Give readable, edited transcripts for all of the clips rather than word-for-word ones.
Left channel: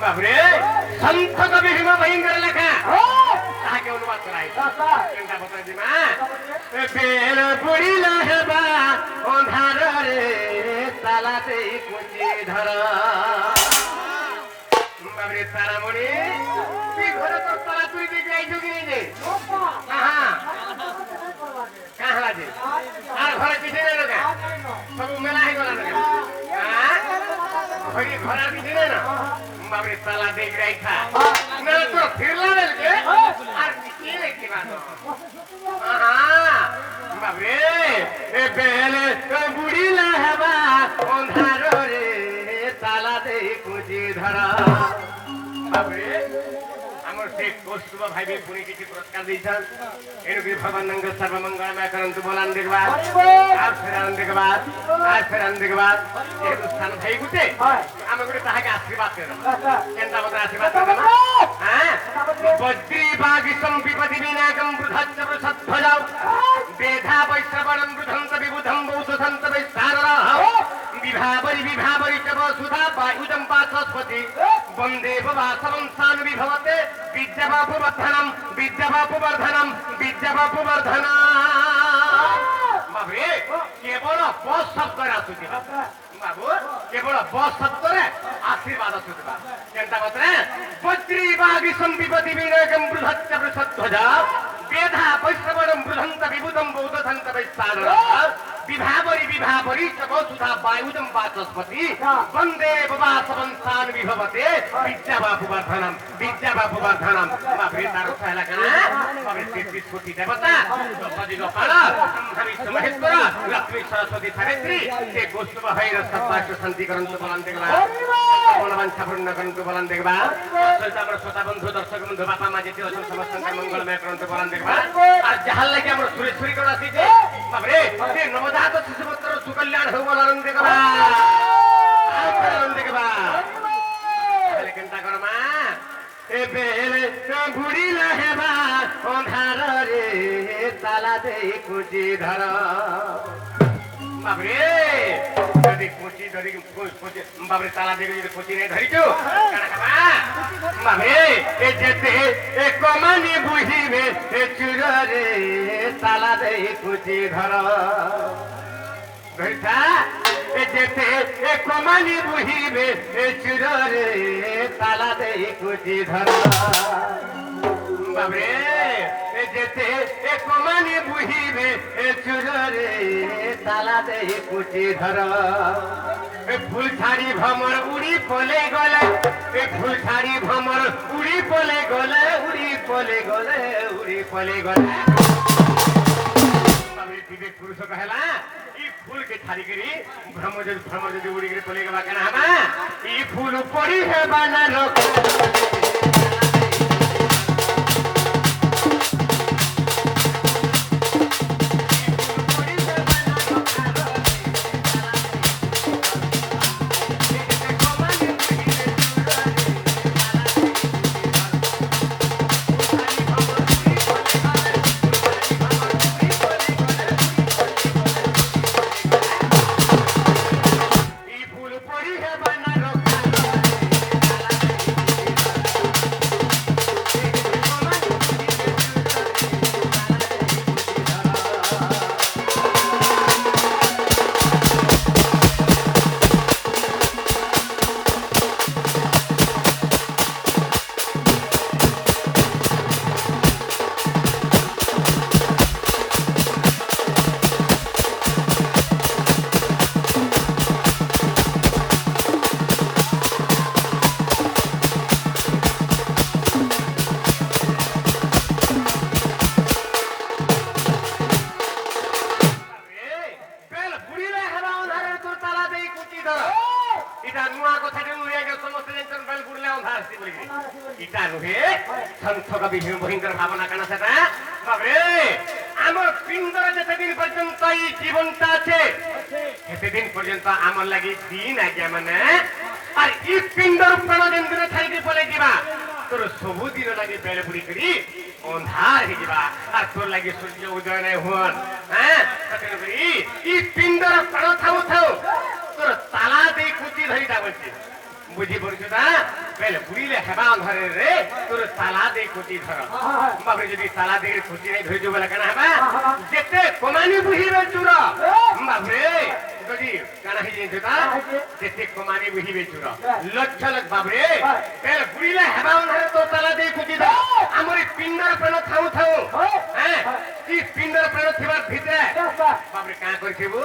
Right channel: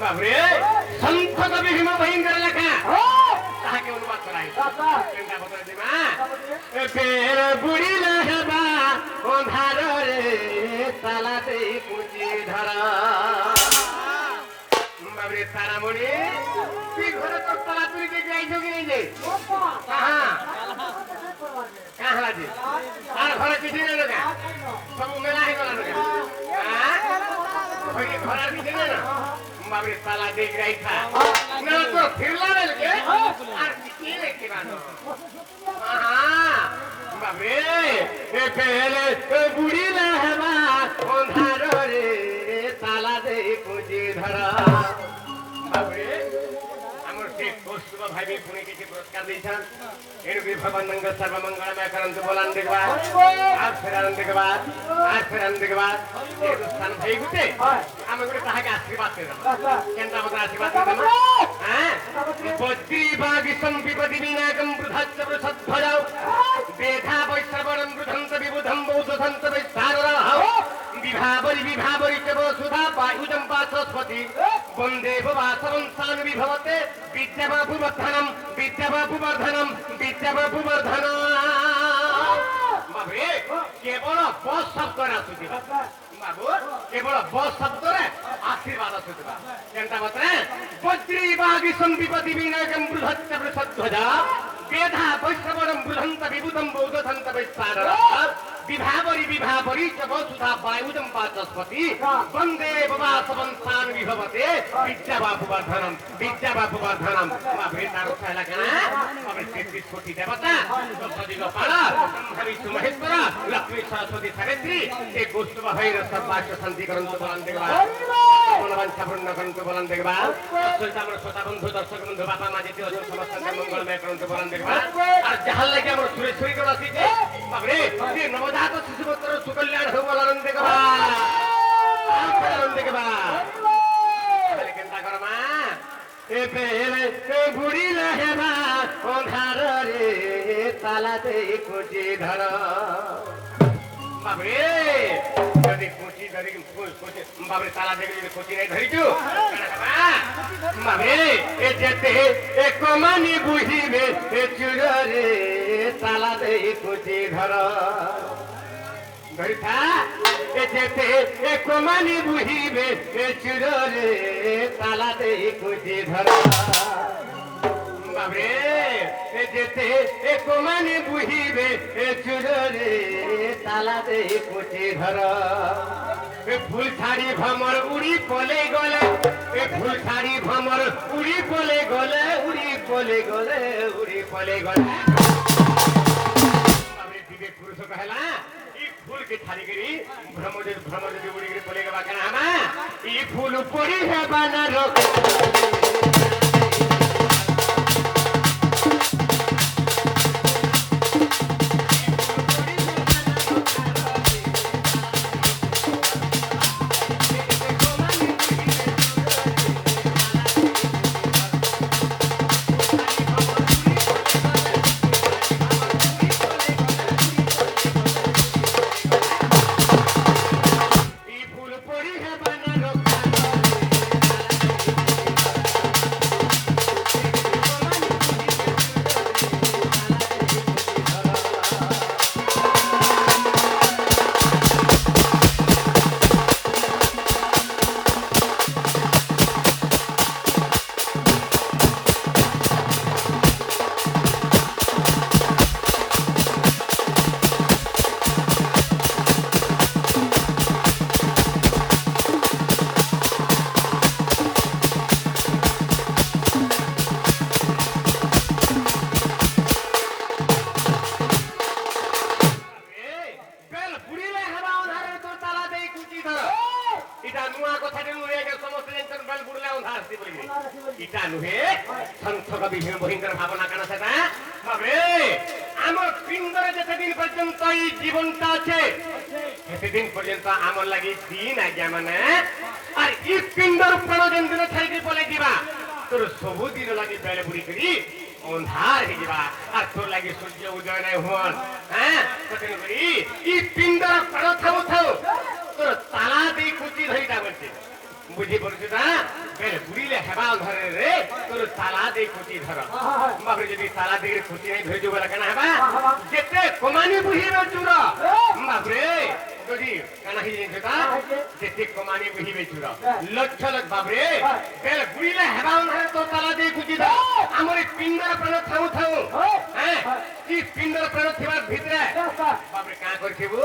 বাবরে সন্ত কবি ভীম ভয়ঙ্কর লেখা তাহাকে অনুবাদ করাই কেনটা বতা দিমা বেল বুড়িলা হেবা অন্ধার রে তালাতে কুচি ধর বাবরে তারামণি তুই ঘরে তোর তালা তুই দিয়ে যাইছো কি নিজে কাহা কাহা যে আর ঘরে কিছু নেই না সব মেলা হয়ে গেল না ঘরের কিছু নেই না বাবরে তালা দেখ রাইছা না তো ফিরলা বেলকে আর কি লেখি বানো বাবরে এ বেলে বুড়িলা হেবা অন্ধার রে তালা দে কুচি ধরা বাবরে আমার সেই কৌস্তব ভাইবে পুনে কিছু পুরস্কার দিয়েছেন এরকম ভগবান নঙ্গ সর্বমঙ্গলময় করন্তু বলান দেখবা আর ফেরান দেখবা এই স্থান হয়ে গুছে আমাকে তাহাকে আশীর্বাদ করে দেব কেনটা মতো আশীর্বাদ করে দেব হ্যাঁ বজ্রি বাগিসম বিপদি বিনাকম বৃধাচ্চ বৃষধ্বজাও বেধা বৈশ্রবণম বৃধন্ত বিবুধম বৌদ্ধন্ত বিস্তাররহ বিভাবরি চ বসুধা বায়ুজম পাশস্পতি বন্দে বাসবং সানবি ভবতে বিদ্যাবাপু বর্ধনম বিদ্যাবাপু বর্ধনম বাবরে কেবল বস শব্দরে আসুছি বাবু কেবল বস শব্দরে আশীর্বাদ আসুছি কেনটা কথা বজ্রি বাগিসম বিপদি বিনাকম বৃহচ্চ বৃষধ্বজা বেধা বৈশ্রবণম বৃধন্ত বিবুধম বৌদ্ধন্ত বিস্তাররহ বিভাবরি চ বসুধা বায়ুজম পাশস্পতি বন্দে বাসবং সানবি ভবতে বিদ্যাবাপু বর্ধনম বাবরে তার এলাকা বাবরে 33 কোটি দেবতা দশাদি গোপাল ব্রহ্মা বিষ্ণু মহেশ্বর লক্ষ্মী সরস্বতী সাবিত্রী এই কৌস্তব ভাইরা সর্বাস্য শান্তি করন্তু বলান দেখবা মনোবাঞ্ছা পূর্ণ করন্তু বলান দেখবা শ্রোতা বন্ধু দর্শক বন্ধু বাপা মা যেতে অসংখ্য সমস্ত মঙ্গলময় করন্তু বলান দেখবা আর যাহার লাগি আমরা সুরেশ্বরী করে আসিছে বাবরে এই নবজাত শিশুপুত্র সুকল্যাণ হোক বলান দেখবা কেনটা কর মা এ বেলে বুড়িলা হেবা অন্ধার রে তালাতে কুচি ধর বাবরে যদি কুচি ধরি বাবরে তালা দেখে যদি কুচি নেই ধরিছো বাবরে এ যেতে এ কমানি বুঝিবে এ চুর রে তালাতে কুচি ধর ধরিথা এ যেতে এ কমানি বুঝিবে এ চুর রে তালাতে কুচি ধর বাবরে এ যেতে এ কমানি বুঝিবে এ চুর রে তালাতে কুচি ধর ফুল ছাড়ি ভ্রমর উড়ি পলে গলে ফুল ছাড়ি ভ্রমর উড়ি পলে গলে বিবেক পুরুষ কহেলা ই ফুল के छाड़ी करी भ्रमर যদি উড়ি গরে পলে গবা কেন হামা ই ফুল পড়ি হেবা না লোক ইটা নুহে সন্থকা বিভিন্ন ভয়ঙ্কর ভাবনা কানা সেটা বাবরে আমার পিণ্ডরে যেদিন পর্যন্ত এই জীবনটা আছে সেদিন পর্যন্ত আমার লাগি দিন আগে মানে আর এই পিণ্ডর প্রাণকেন্দ্র ছাড়িতে পলে দিবা তোর সবুদিন লাগে বেড়ে বুড়ি করি অন্ধার হয়ে যাবা আর তোর লাগে সূর্য উদয় নাই হন হ্যাঁ এই পিণ্ডর প্রাণ থাও তোর তালা দিয়ে কুচি ধরিটা বলছে বুঝি পড়ছি না বেড়ে দেই কোটি ধর বাবরে যদি তালা দেই কোটি নাই ধরে বলে কেন হবা যেতে কমানি বুহিবে চুর বাবরে যদি কানা হি যেতা যেতে কমানি বুহিবে চুর লক্ষ লক্ষ বাবরে বেল বুইলে হেবা অনরে তো তালা দেই কোটি দাও আমরি পিন্ডর প্রাণ থাউ থাউ হ্যাঁ কি পিন্ডর প্রাণ থিবার ভিতরে বাবরে কা করছিবু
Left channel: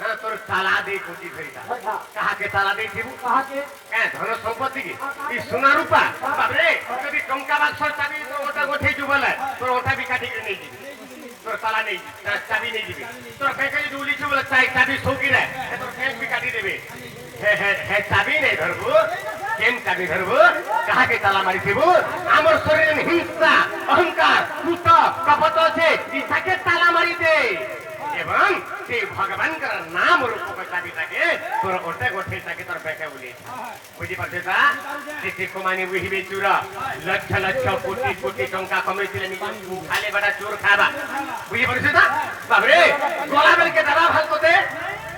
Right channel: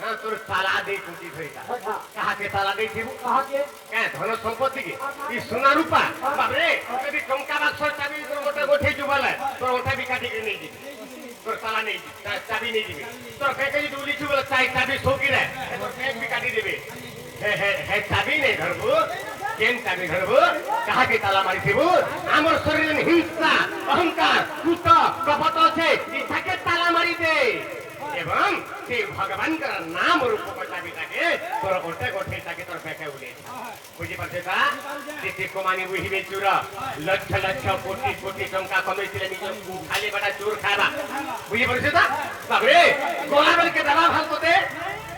হ্যাঁ তোর তালা দেই কোটি ধইতা কাহাকে তালা দেইছিবু কাহাকে হ্যাঁ ধন সম্পত্তি কি ই সোনা রূপা বাবরে যদি টঙ্কা বাক্স চাবি ওটা গোঠে যু বলে তোর ওটা বি কাটি করে নেই দিবি তোর তালা নেই চাবি নেই দিবি তোর ফেকে যদি উলিছু বলে চাই চাবি সৌকি রে তোর ফেক বি কাটি দেবে হে চাবি নেই ধরবু কেন চাবি ধরবু কাহাকে তালা মারিছিবু আমার শরীরে হিংসা অহংকার কুত কপট আছে ইটাকে তালা মারি দে এবং সেই ভগবানଙ୍କର নাম রূপ চাবিটাকে তোর ওটা গোঠে তাকে তোর ফেকে উলি বুঝি পারছে তা যেতে কমানি বুহিবে চুর লক্ষ লক্ষ কোটি কোটি টঙ্কা কমাইছিলে নিজ খালি বেটা চোর খাবা বুঝি পারছে তা বাবরে গলা বেলকে দাবা ভাল তোতে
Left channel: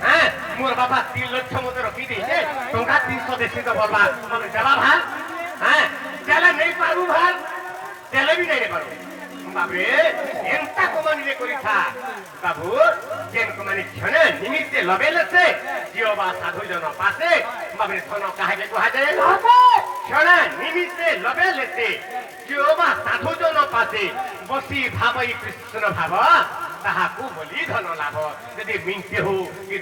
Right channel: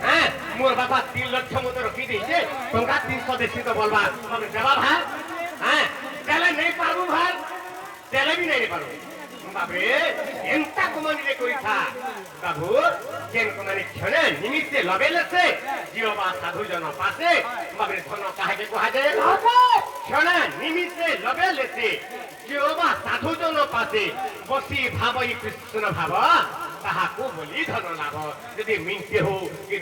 হ্যাঁ মোর বাবা 3 লক্ষ মতো রখি দিয়েছে টঙ্কা 300 দেশি তো বলবা তবে দেবা ভাল হ্যাঁ তেলে নেই পারবু ভাল তেলে বি নেই পারবু বাবরে এন্তা কমানি রে কইতা বাবু কেন কমানি ক্ষণে নিমিত্তে লবেলেছে জিওবা সাধু জন পাশে বাবরে ধন কাহাকে কুহাজে ক্ষণে নিমিত্তে লবেলেছে জিওবা সাধু জন পাশে বসি ভাবই কৃষ্ণ ভাব তাহাকু বলি ধন লাভ যদি মিনতে হো কি